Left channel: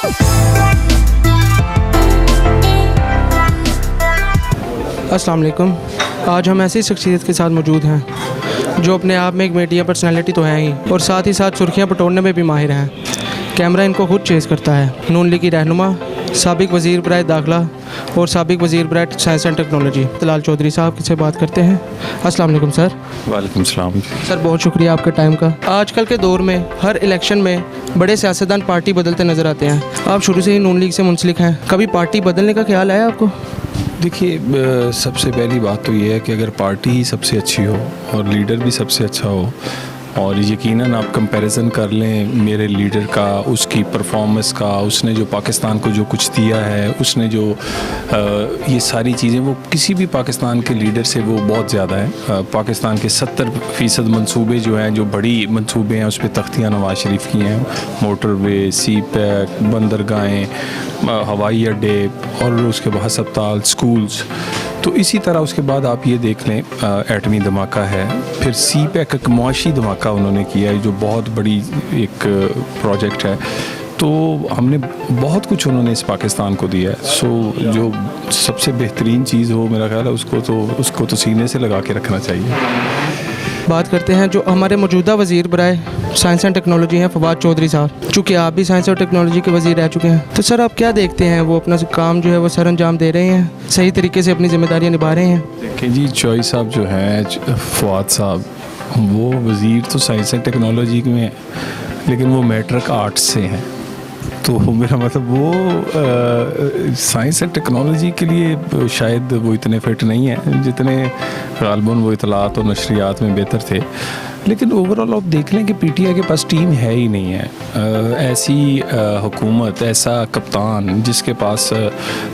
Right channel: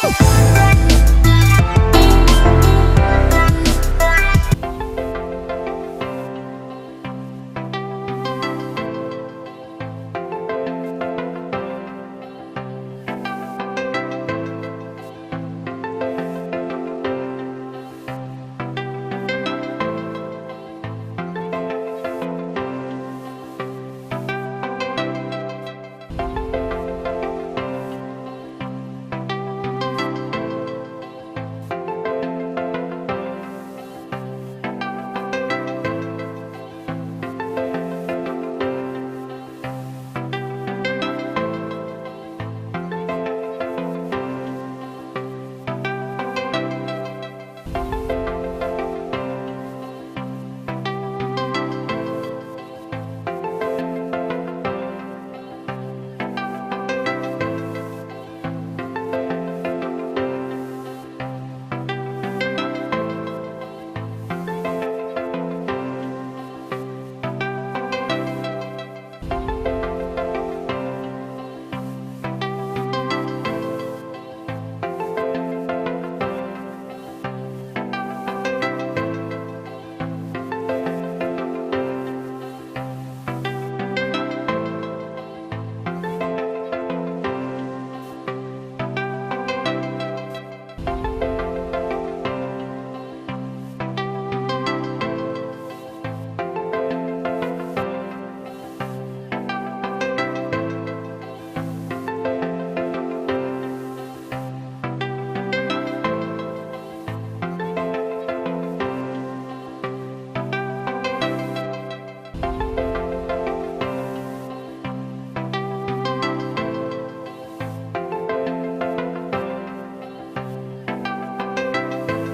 अस्सलाम वालेकुम। आज हम ऐसी शख्सियत के साथ मौजूद हैं जो अपने आप में एक मीडिया पर्सनालिटी तो हैं ही और साथ ही साथ सुर्खियां बटोरने में भी माहिर हैं। कैमरा इनको खुद चेज़ करता है। नून लीग की रहनुमा, साबिक वज़ीर बराए दाखिला और साबिक वज़ीर बराए science and technology Talal Chaudhry साहब से बात करते हैं। अस्सलाम वालेकुम सर। वालेकुम सलाम। सर बहुत शुक्रिया आपके टाइम का। आजकल के दौर में हर इलेक्शन में बड़े सियासतदान पार्टी बदलते नज़र आते हैं। आप शुरू से ही नून लीग से मुंसलिक हैं, कभी पार्टी बदलने का ख्याल आया आपको? देखिए, सबसे पहली बात तो ये है कि अगर पार्टी ही सबसे अच्छी हो और लीडर भी सबसे अच्छा हो, और यकीनन आप कंपैरिजन कर लें मेरे लीडर का, उसकी परफॉर्मेंस का, उसने जो पाकिस्तान को जो कुछ दिया है, उसने जो ये सारी चीज़ें, वो किसी भी पाकिस्तान के लीडर से वो बहुत ज़्यादा है। पाकिस्तान के 70% मंसूबे जो हैं, जो बड़ी मंसूबे हैं, उस पर तख्तियाँ नवाज शरीफ की हैं। मोटरवे, सी पैक, बंदरगाहें, हवाई अड्डे और उसके बाद अस्पताल, स्कूल्स। तो इसी तरह उसके बाद आप ये देख लें, एटमी धमाका है, फिर सी पैक एक मुआशी धमाका उन्होंने किया है जो बहुत बड़ी एक प्रोजेक्ट है। तो हमने बहुत कुछ उन्होंने इस पाकिस्तान को दिया है। सो जो सबसे बेहतरीन चीज़ हो, मेरा ख्याल है उसको तो सीने से लगा के रखना चाहिए। बात करते हैं जो हमारे मौजूदा वज़ीर बराए साइंस एंड टेक्नोलॉजी हैं, फवाद चौधरी साहब। चूँकि आप भी साइंस और टेक्नोलॉजी के वज़ीर रह चुके हैं, तो सर आप क्या देखते हैं, वो अपना काम जो है वो सर अंजाम दे रहे हैं, सही तरीके से अपनी जिम्मेदारियाँ निभा रहे हैं? देखिए जी, चौधरी साहब जो हैं, फवाद साहब, वो वज़ीर तो साइंस एंड टेक्नोलॉजी में है, लेकिन वो मैट्रिक आर्ट्स से हैं। तो मेरा मतलब वो साइंस एंड टेक्नोलॉजी के लिए शायद वो इतने फिट नहीं हैं जितने गालबन वो इतलात और नशरियात में बेहतर थे। लेकिन ओवरऑल आप देख लें कि पीटीआई के पास टीम है ही नहीं है। ऐसी हुकूमत, ऐसा कप्तान जिसके पास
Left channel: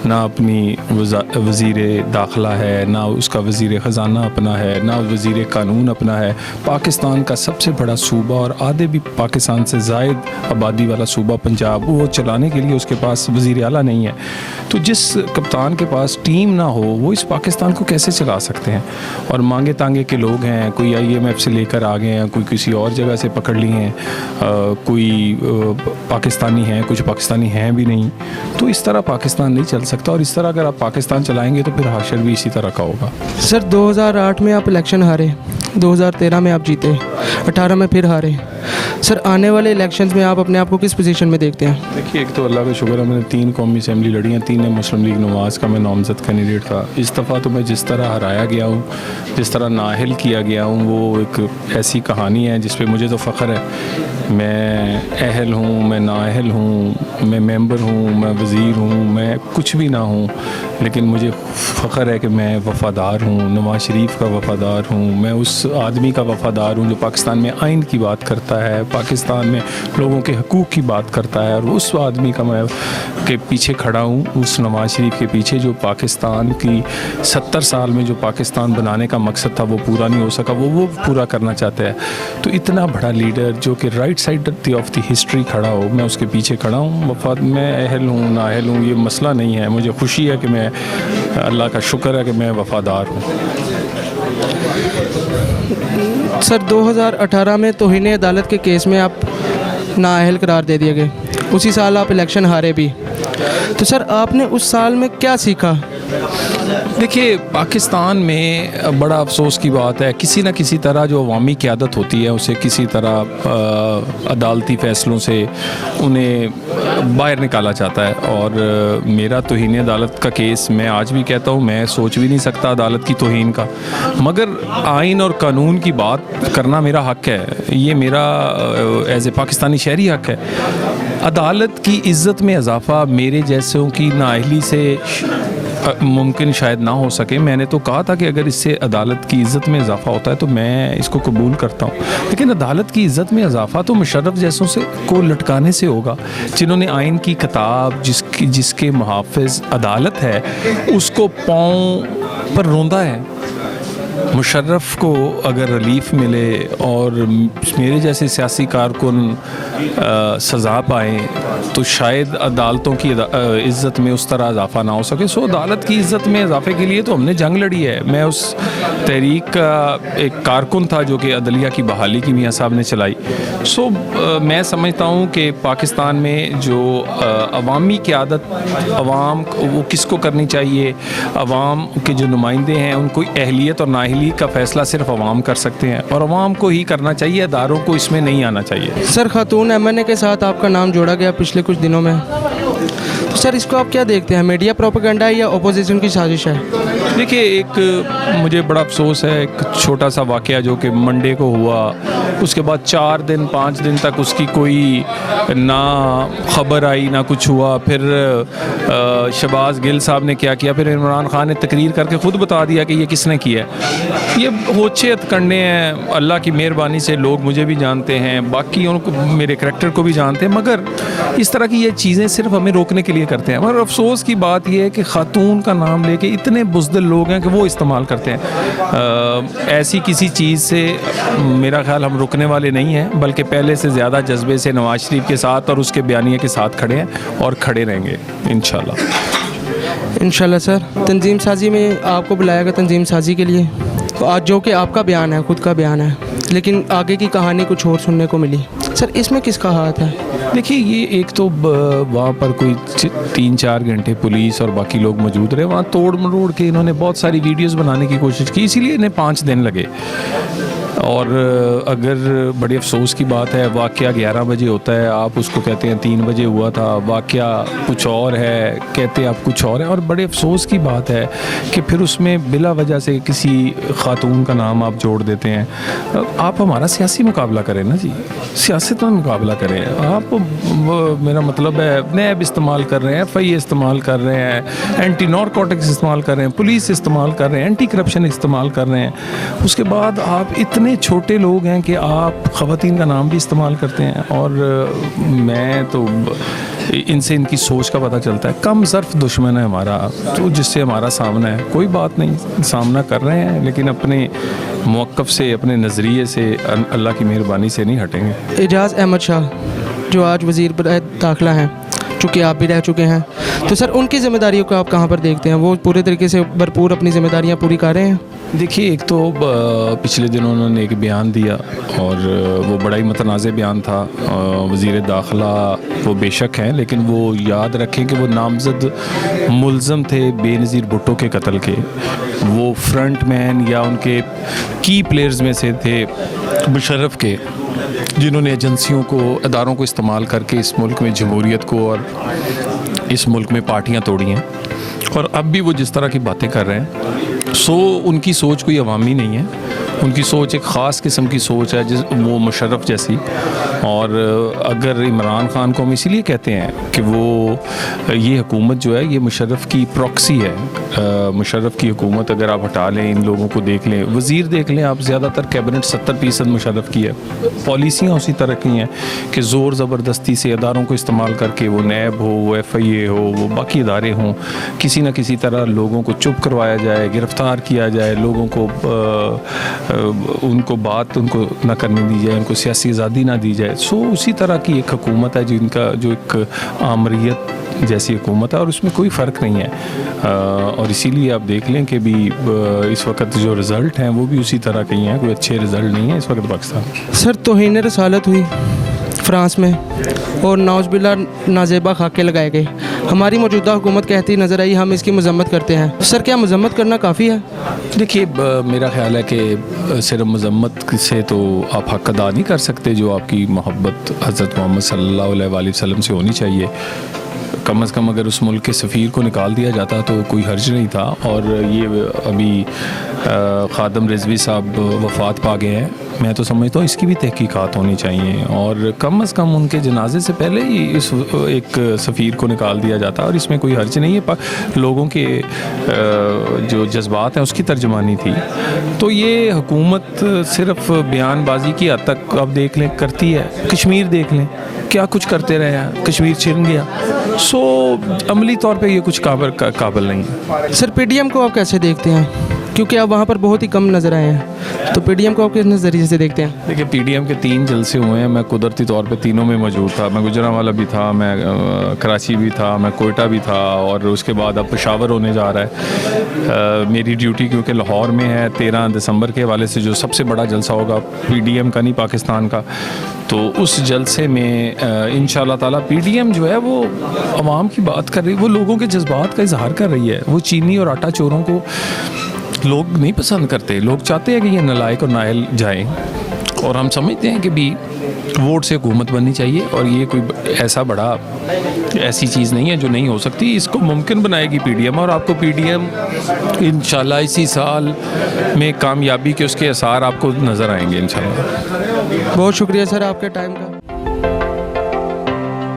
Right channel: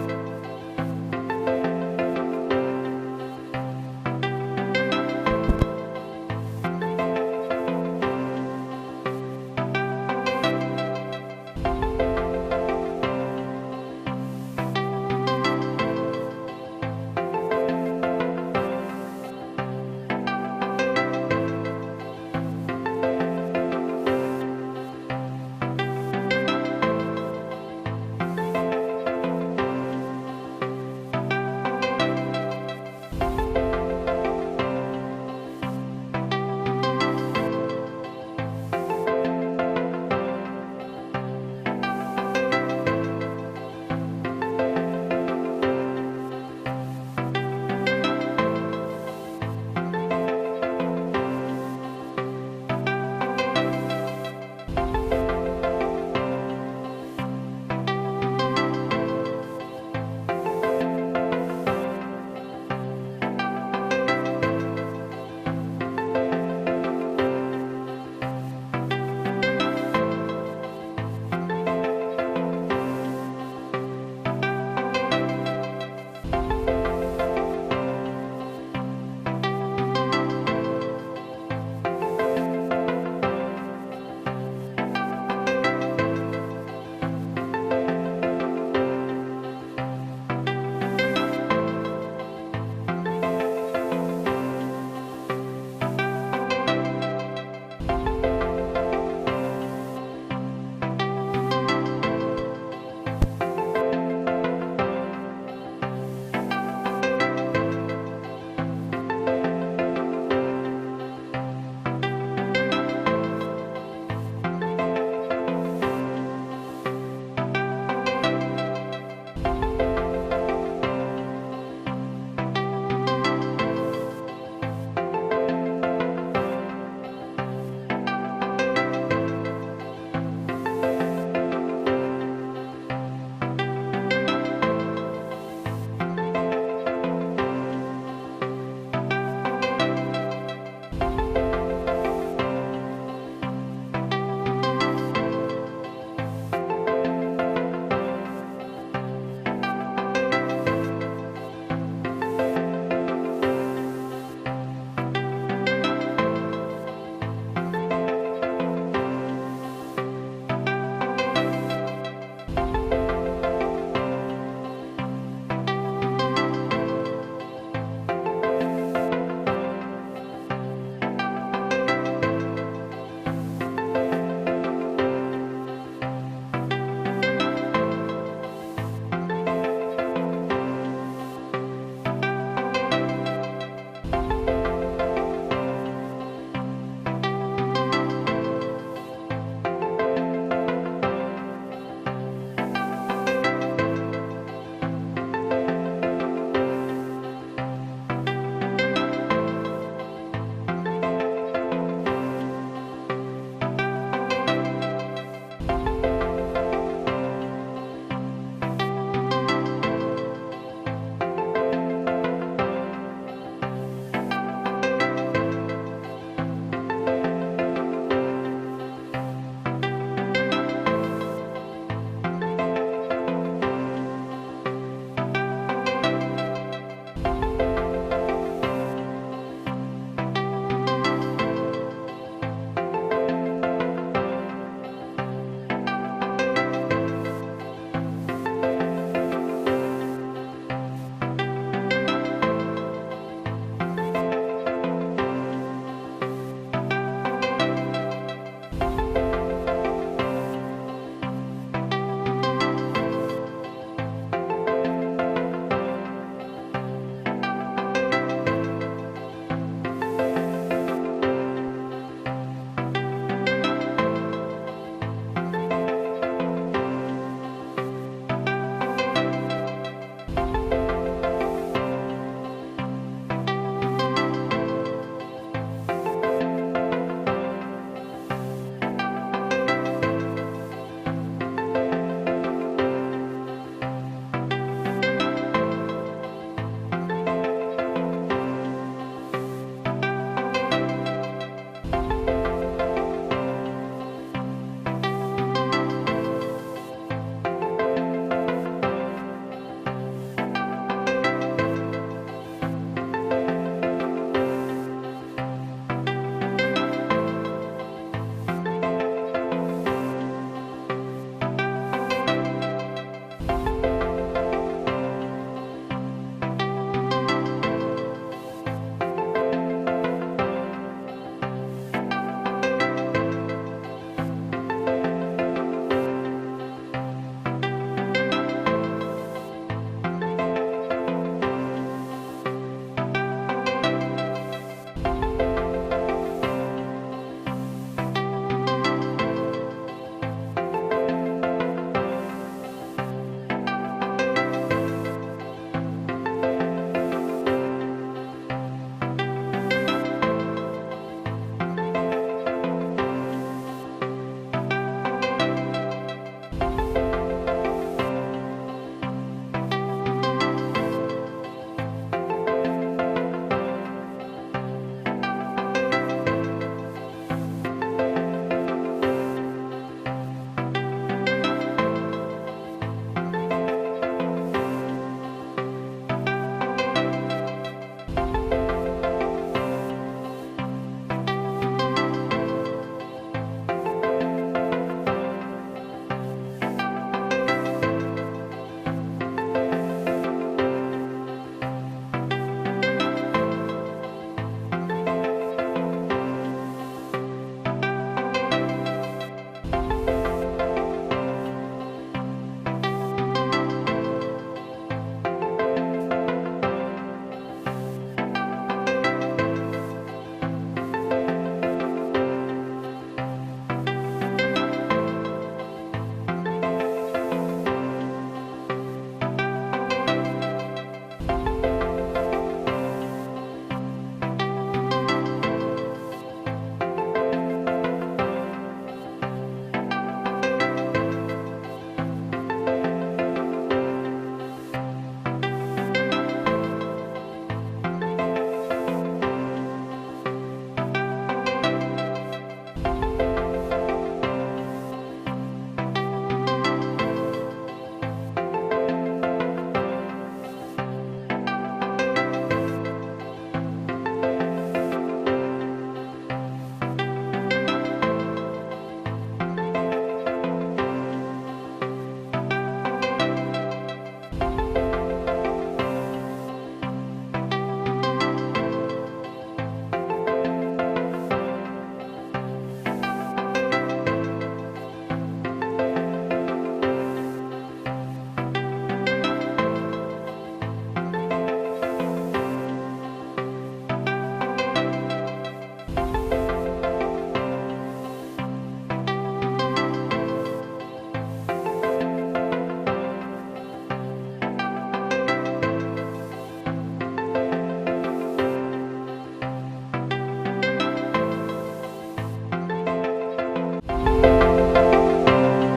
ना अपनी वज़ीर दाखिला है, ना उसका वज़ीर ख़जाना अपना है, ना वज़ीर कानून अपना है। पाकिस्तान का सबसे बड़ा सूबा और आधे भी पाकिस्तान से ज़ायद आबादी वाला सूबा पंजाब, वो चलाने के लिए उसके पास वज़ीर आला नहीं है। तो जिस कप्तान के पास टीम ना हो, वो इस पाकिस्तान को कैसे चला सकते हैं? और मांगे तांगे के लोग हैं, कोई IMF से लेकर आ गए हैं, कोई किसी और जगह से पकड़ लिए हैं, कोई पाकिस्तानी हैं, कुछ पाकिस्तानी हैं भी नहीं। तो इस तरह पाकिस्तान नहीं चल सकता, और इस तरह अगर आप पाकिस्तान चलाएंगे तो फिर हाशर भी इसी तरह का होगा। सर 2008 में आप इलेक्शन हारे, 2013 में आप जीते, 18 में फिर हारे। सर आने वाले इलेक्शंस में आप अपने आप को किस पोजीशन में देखते हैं? देखिए, एक तो अल्लाह का शुक्र है, मैंने 3 कौमी असेंबली लड़ी हैं, 3 मुस्लिम लीग नवाज़ का मैं नामजद कैंडिडेट था। इस दफ़ा तो मैं जिस तरह हराया गया हूँ, जिस तरह नाअहल किया गया हूँ, वो एक ऐसी कहानी है जिस पे मुझे तो फ़ख्र है। मैं अहल हूँ, मैं नाअहल हूँ, मैं मेंबर हूँ, मैं वज़ीर हूँ, मैं कुछ भी ना हूँ, लेकिन मुझे फ़ख्र है कि मैं वफ़ादार हूँ, नवाज शरीफ का वफ़ादार हूँ। मैं उस आदमी का वफ़ादार हूँ जो पाकिस्तान में आइन की बात करता है, पाकिस्तान में लोगों के हकूक़ की बात करता है, और उस आदमी का मैं के पीछे खड़ा हूँ, उस नवाज शरीफ के पीछे जो पाकिस्तान की 70 साल में जो पाकिस्तान बनाने का मकसद था वो पूरा नहीं हो सका, वो पूरा करना चाहते हैं। तो इतना बड़ा लीडर जो कि right side of the history खड़ा हो, मैं उसके पीछे खड़ा हूँ। वफाद मैं अहल हूँ नाअहल हूँ ये मसला नहीं है, मुझे खुशी है कि मैं, अल्लाह का शुक्र है कि मैं वफ़ादार हूँ। सर 2018 में तौहीन अदालत के केस में आप नाअहल करार दे दिए गए, उसी साल आप इलेक्शन हारे भी। तो सर आपने उस साल में क्या सीखा? देखिए, पाकिस्तान में बड़ा अफसोस की बात है, किसी न किसी तरह जो अवामी क़यादत होती है उसे किसी तरह अदालती फ़ैसलों से उन्हें बाहर निकाला जाता है। और मेरा तौहीन अदालत का केस, मैं आज भी कहता हूँ, मैं सोच भी नहीं सकता अदालत की तौहीन का, मगर आइन और कानून की बात करना मेरा हक़ है, ये मेरा एज़ ए पाकिस्तानी शहरी हक़ है। अदालत की इज़्ज़त में इजाफ़ा मेरे जैसों की नाअहली से मुमकिन शायद ना हो सके। मैंने तो कहा था कि अगर इससे अदालत की इज़्ज़त में इजाफ़ा होता है तो मैं इसको कबूल करता हूँ, लेकिन अदालत की इज़्ज़त में इजाफ़ा तो मुशर्रफ जैसों से को लटकाने से होगा, जिन्होंने आइन की किताब, जिसके मुहाफ़िज़ अदालत है, उसको पाँव पर रोंदा है। मुशर्रफ को अगर रिलीफ मिले और मेरे जैसे सियासी कारकुन सज़ा पाएँ तो शायद अदालतों की इज़्ज़त में उस तरह इजाफा ना हो सके। सो अदालत की इज़्ज़त में इजाफे के लिए तो हमने जंग लड़ी है। मैं उस तहरीक का एक कारकुन था जो कि अदलिया की बहाली की मियाँ साहब ने चलाई। सो मैं समझता हूँ कि पाकिस्तान में जो अवामी क़यादत अवाम वो किसको करनी चाहिए, अवाम के जो नुमाइंदे हैं उनको अहलियत और नाअहलियत का फ़ैसला सिर्फ अवाम कर सकते हैं और अवाम को ही करना चाहिए, अदारों को इसमें नहीं आना चाहिए। सर, खातून एमएनए के साथ आपका नाम जोड़ा गया पिछले कुछ दिनों में, तो सर इसको आप क्या देखते हैं? मीडिया प्रोपेगेंडा है या अपोजिशन की साजिश है? देखिए, एक मुझे बड़ा अफसोस है, एक छोटा सा वाक़या जो कि मंडे को हुआ, उसके बाद 4 दिन 5 दिन तक उसकी कोई ना ख़बर आई ना कुछ हुआ। फिर शहबाज गिल साहब ने क्या किया, फिर इमरान खान ने तकरीर करके ख़ुद बता दिया कि ये किसने किया है। ये होशियत करने हैं, अल्लाह की मेहरबानी से लोग मुझे भी जानते हैं, बाकी उनको मेरे करैक्टर को भी जानते हैं, मगर इस तरह की ये चीज़ें सिर्फ हमें रोकने के लिए करते हैं। मगर अफसोस की बात यह है कि ख़ातून का नाम लेके इतने बुज़दिल लोग हैं कि वो इस्तेमाल करते हैं। ऐसी किसी चीज़ से मेरा ख्याल हम रुकने वाले नहीं हैं, बल्कि पहले से ज़्यादा जज्बे से नवाज शरीफ के साथ और उसके बयानिए के साथ खड़े हैं और खड़े रहेंगे इंशाल्लाह। इंशाल्लाह सर, तंजीम साजी में आपको बुलाया गया तंजीम साजी के लिए, तो आज जो कि आपका बयान है, खुद का बयान है, लेकिन आगे की कहानी कुछ और सुनने को मिली। सर, इसमें किसका हाथ है? देखिए, ये एक तो वहाँ पर कोई 3-4 घंटे पुलिस और बाकी लोग मौजूद रहे, वहाँ तोड़ मरोड़ के इन्होंने बहुत सारी वीडियोस बनाने की कोशिश की, इसीलिए इन्हें 5 दिन लगे। और अगर बड़े अफसोस की बात है, वाक़या 11 बजे होता है, आप उसको कहते हैं 3 बजे हुआ था, वाक़या कुछ और है, कहते हैं आप कुछ और है। और बड़े अफसोस की बात है कि फिर उसमें बिला वजह से किसी ख़ातून का नाम आप जोड़ देते हैं। आप हमारा सियासी मुकाबला करें ना जी, सियासत में मुकाबला करें। आप मेरा मतलब है नैब इस्तेमाल कर रहे हैं, FIA इस्तेमाल कर रहे हैं, एंटी नारकोटिक्स इस्तेमाल कर रहे हैं, पुलिस इस्तेमाल कर रहे हैं, एंटी करप्शन इस्तेमाल कर रहे हैं। उसके बाद आप इतने छोटे लोग हैं कि आप ख़वातीन का नाम भी इस्तेमाल करते हैं। और मैं तो इनसे इनकी सोच का पता चलता है। कम ज़र्फ़ दुश्मन है हमारा, तो जिससे हमारा सामना है, कोई बात नहीं, सामना कर रहे हैं, लेकिन अपने मौक़िफ़ से, अपने नज़रिए से, अल्लाह की मेहरबानी से नहीं हटेंगे। एजाज़ अहमद शाह जो आज वज़ीर बराए दाखिला हैं, चूँकि आप भी रह चुके हैं, तो सर उनकी ज़िम्मेदारियों को आप कहाँ पर देखते हैं? वो पूरे तरीके से भरपूर अपनी ज़िम्मेदारियाँ पूरी कर रहे हैं? देखिए, एक तो पिछले दिनों उन्होंने एक बयान दिया और वो बड़ा ही मुतनाज़ बयान था। वज़ीर दाखिला वो बेशक हैं, लेकिन वो याद रखें कि वो नामज़द मुल्ज़म थे बेनज़ीर भुट्टो के कत्ल के। वो फ्रंट मैन या उनके की प्लेयर्स में से थे मुशर्रफ के, जिन्होंने एजेंसियों को, अदारों को इस्तेमाल करके इस मुल्क में जमहूरियत को और इस मुल्क में पार्टियां तोड़ी हैं। और अब भी वो जिस तरह की बातें कर रहे हैं, उनकी सोच कोई अवामी नहीं है, उनकी सोच एक ख़ास किस्म की सोच है, वो मुशर्रफ जैसी। और अगर इमरान खान को हम इसीलिए कहते हैं कि वो ये हुकूमत जो है ये मुशर्रफ की प्रॉक्सी है। मुशर्रफ की हुकूमत अगर आप हटा लें, इन लोगों को देख लें, वज़ीर देख लें आप, ज़्यादातर कैबिनेट 70% मुशर्रफ की है। पॉलिसियाँ उसी तरह की हैं कि ज़ोर ज़बरदस्ती से अदारों को इस्तेमाल करके, वो नैब हो, वो FIA हो, वो बाकी इदारे हों, किसी न किसी तरह लोगों को चुप करवाया जाए, गिरफ़्तार किया जाए, लोगों को उनको बात उनको ना करने दी जाए, उनको सियासी आज़ादी ना दी जाए। सो उसी तरह की एक हुकूमत है जिनका जो एक आमरीत जैसी हुकूमत है, और उसमें कोई फ़र्क नहीं है। और इसीलिए आप देख लें कि भी इस वक्त जो रिज़ल्ट हैं वो भी उसी तरह के हैं, कोई अच्छे रिज़ल्ट नहीं है इस वक्त पाकिस्तान। सर, तौहीन रसालत हुई फ्रांस में और नाउज़ुबिल्लाह नाजेबा खाके लगाए गए। हमारी मौजूदा हुकूमत कहती नज़र आई हम इसकी मजम्मत करते हैं। सर, क्या मजम्मत करना काफ़ी है? देखिए, मेरा ख्याल है कि सिर्फ मजम्मत से तो आप हक़ अदा नहीं कर सकते, जो आपकी मोहब्बत हज़रत मोहम्मद सल्लल्लाहु अलैहि वसल्लम से होनी चाहिए। कम अज़ कम अगर उस मुल्क के सफ़ीर को निकाल दिया जाता तो कोई हर्ज नहीं था। और ये अभी ख़ादम रिजवी साहब वफ़ात पा गए हैं, मैं तो समझता हूँ इसकी भी तहकीकात होनी चाहिए, और कम अज़ कम उनके जनाजे से पहले ही इस एक सफ़ीर को निकाल दिया जाता, और इसमें कोई हर्ज नहीं है। लोगों के जो जज्बात हैं उसकी तर्जमानी थी। तो ये हुकूमत सिर्फ बयानबाजी की हद तक आप देख लें करती है। कश्मीर देख लें, क्या कुछ करते रहे हैं, कश्मीर छिन गया। अमली तौर पे ये कुछ काबिल नहीं है। सर, PDM को आप कैसे देखते हैं? क्योंकि आप वहाँ पर बहुत ही कम नज़र आए हैं, तो पीडीएम को आप किस नज़रिए से देखते हैं? देखिए पीडीएम के 3 जलसे हुए हैं, मैं कुदरती तौर पे तीनों में मौजूद था। मैं गुजरांवाला भी था, मैं कराची भी था, मैं कोयटा भी था, और उसके बाद अब पेशावर होने जा रहा है। मेरी ड्यूटी क्योंकि लाहौर में है, 13 दिसंबर के हवाले से जो सबसे बड़ा जलसा होगा पीडीएम का नहीं पाकिस्तान का, तो उस जलसे में इंशाल्लाह ताला पीडीएम जो है वो आवाम की बात कर रही है, वो लोगों के जज्बात का इजहार कर रही है। वो चीनी और आटा चोरों को लोग नहीं पसंद करते, लोग चाहते हैं कि ये नालायक और नाअहल जाएं, और हम समझते हैं कि भी वोट से हुकूमत बननी चाहिए, और ये कोई ऐसी चीज़ नहीं है जो नहीं हो सकती। इसको मुमकिन बनाएगी पीडीएम, और आपको पीडीएम इंशाल्लाह इसी साल में कामयाबी के उसके आसार आपको नज़र आएंगे इंशाल्लाह। बहुत शुक्रिया सर आपके टाइम का।